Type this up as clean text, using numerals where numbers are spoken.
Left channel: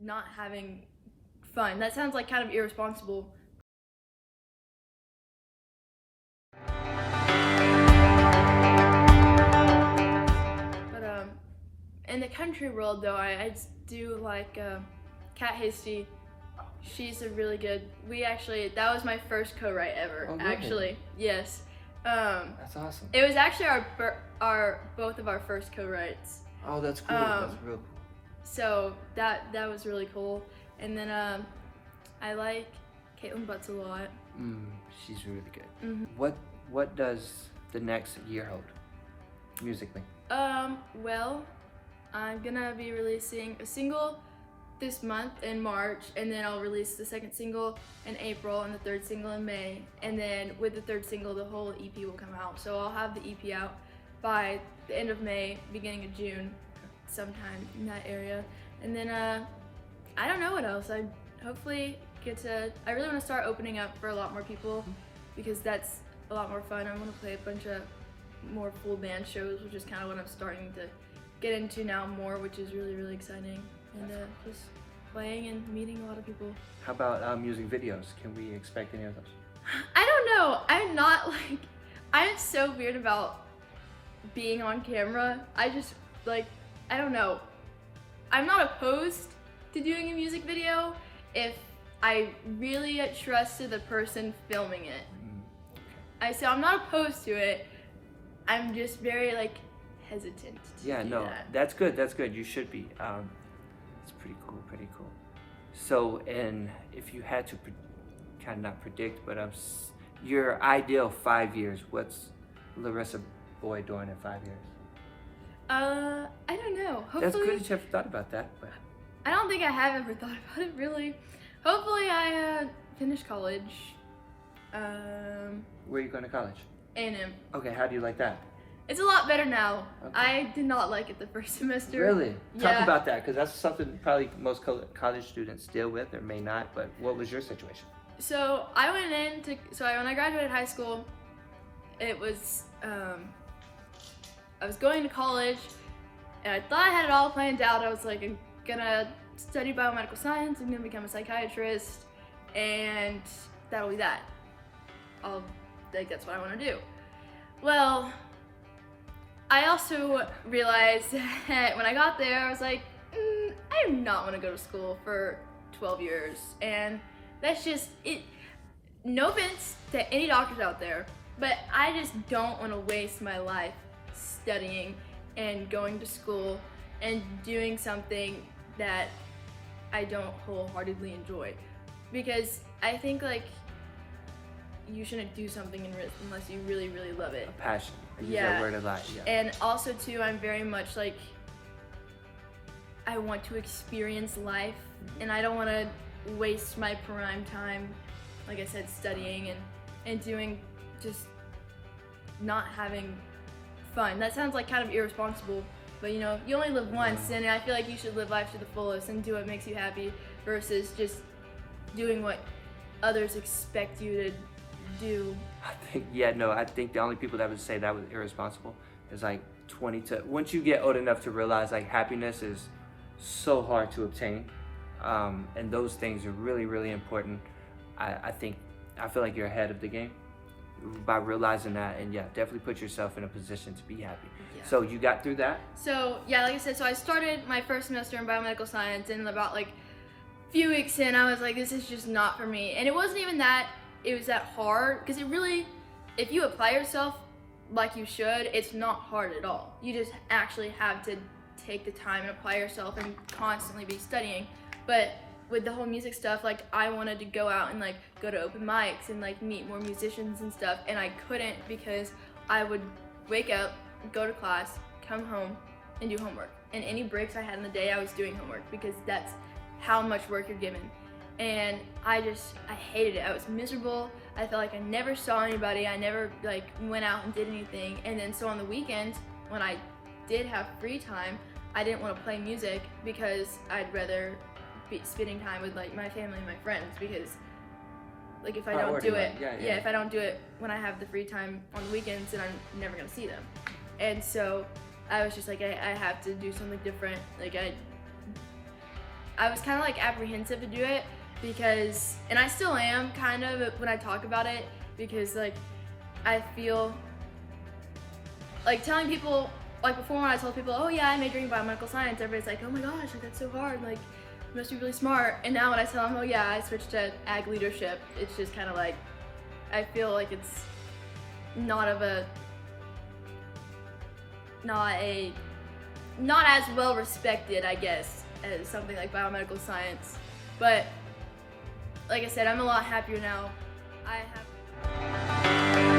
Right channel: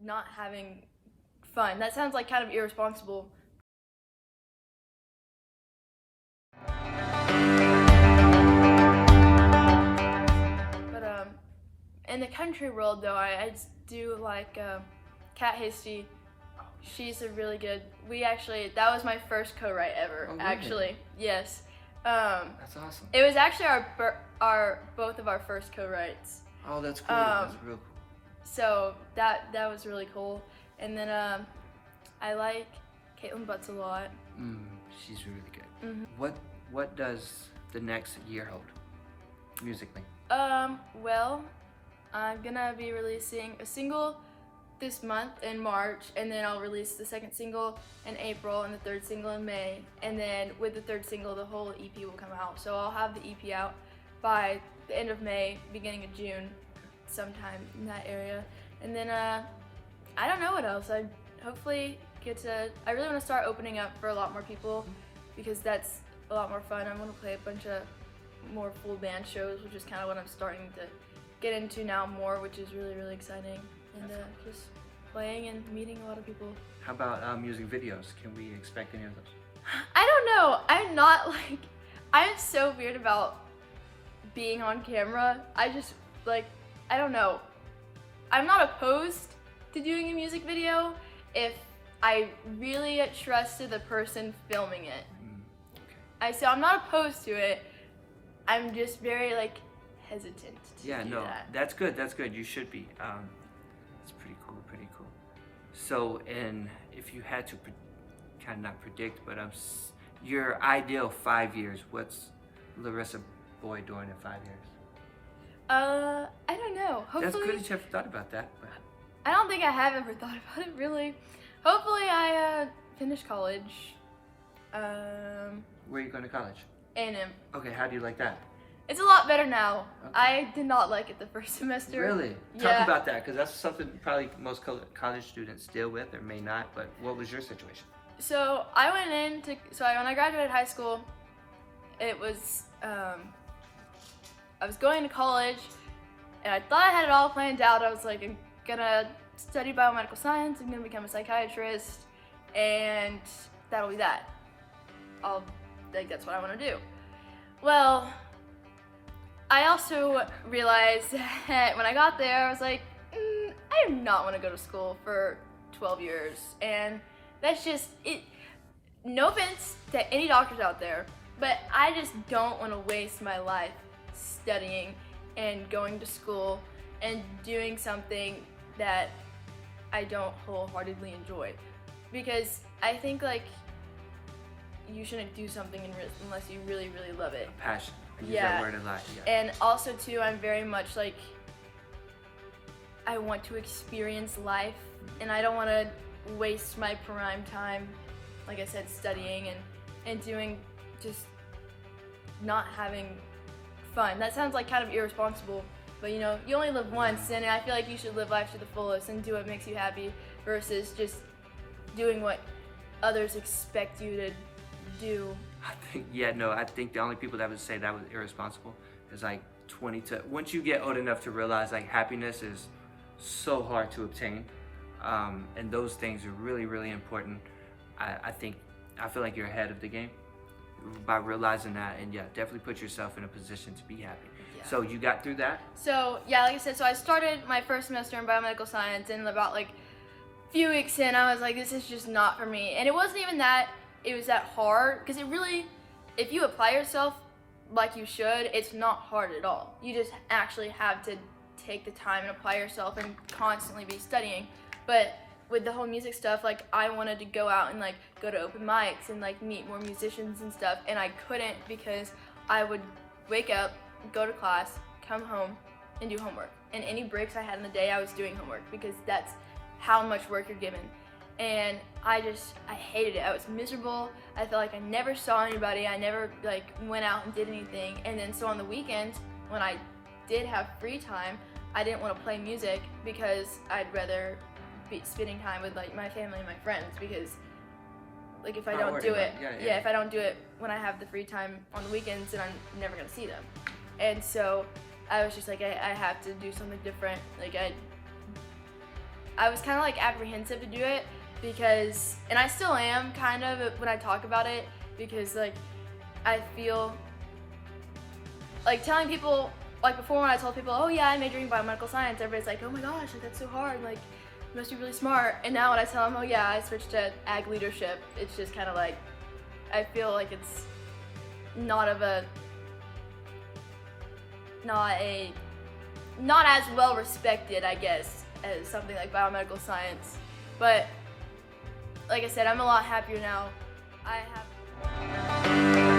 not having fun. That sounds like kind of irresponsible. But in the country world though, I do like Kat Hasty. She's a really good. That was my first co-write ever. Oh, really? Actually, yes. That's awesome. It was actually both of our first co-writes. Oh, that's cool. That's real cool. So that was really cool. And then I like Caitlin Butts a lot. She's really good. What does the next year hold musically? Well, I'm gonna be releasing a single this month in March, and then I'll release the second single in April and the third single in May, and then with the third single the whole EP will come out. So I'll have the EP out by the end of May, beginning of June, sometime in that area. And then I don't know what else. I hopefully I really want to start opening up for a lot more people, because that's a lot more fun. I want to play a bunch of more full band shows, which is kind of what I'm starting to get into now more, which is really, really exciting. And just playing and meeting a lot of people. How about music videos? Can we expect any of those? I don't know. I'm so weird about being on camera. I don't know. I'm not opposed to doing a music video if I really trusted the person filming it. Okay. So I'm not opposed to it. I'm just very hesitant to do that. That's good. That's good. You should be. It's pretty cool. Pretty cool. So, and if you had to kind of not predict, but your ideal 5 years, what's Larissa Boyd doing in 5 years? I don't know. Hopefully, that's good that you haven't thought about that. But I don't think I have ever thought about it really. Hopefully, I finish college. Where are you going to college? A&M. Okay, how do you like that? It's a lot better now. Okay. I did not like it the first semester. Really? Yeah. Talk about that, because that's something probably most college students deal with, or may not, but what was your situation? So I went when I graduated high school, it was, I was going to college, and I thought I had it all planned out. I was like, I'm gonna study biomedical science, I'm gonna become a psychiatrist, and that'll be that. That's what I wanna do. Well, I also realized that when I got there, I was like, I do not want to go to school for 12 years. And that's just it. No offense to any doctors out there, but I just don't want to waste my life studying and going to school and doing something that I don't wholeheartedly enjoy. Because I think you shouldn't do something unless you really, really love it. A passion. I use that word a lot. Yeah. And also too, I'm very much I want to experience life, and I don't want to waste my prime time, like I said, studying and doing just not having fun. That sounds kind of irresponsible, but you only live once, and I feel like you should live life to the fullest and do what makes you happy versus just doing what others expect you to do. I think the only people that would say that was irresponsible is 20 to, once you get old enough to realize happiness is so hard to obtain, and those things are really, really important. I feel like you're ahead of the game by realizing that, and definitely put yourself in a position to be happy. Yeah. So you got through that? So like I said, so I started my first semester in biomedical science, and about a few weeks in, I was like, this is just not for me. And it wasn't even that it was that hard, because it really, if you apply yourself like you should, it's not hard at all. You just actually have to take the time and apply yourself and constantly be studying. But with the whole music stuff, I wanted to go out and go to open mics and meet more musicians and stuff, and I couldn't because I would wake up, go to class, come home, and do homework. And any breaks I had in the day, I was doing homework, because that's how much work you're given. And I hated it. I was miserable. I felt like I never saw anybody. I never went out and did anything. And then so on the weekends, when I did have free time, I didn't want to play music because I'd rather be spending time with my family and my friends, because if I don't do it, if I don't do it when I have the free time on the weekends, then I'm never gonna see them. And so I was just I have to do something different. I was kind of like apprehensive to do it because, and I still am kind of when I talk about it, because like I feel like telling people, like before when I told people, oh yeah, I'm majoring in biomedical science, everybody's like, oh my gosh, like that's so hard, like you must be really smart. And now when I tell them, oh yeah, I switched to ag leadership, it's just kind of like, I feel like it's not as well respected, I guess, as something like biomedical science. But like I said, I'm a lot happier now. I have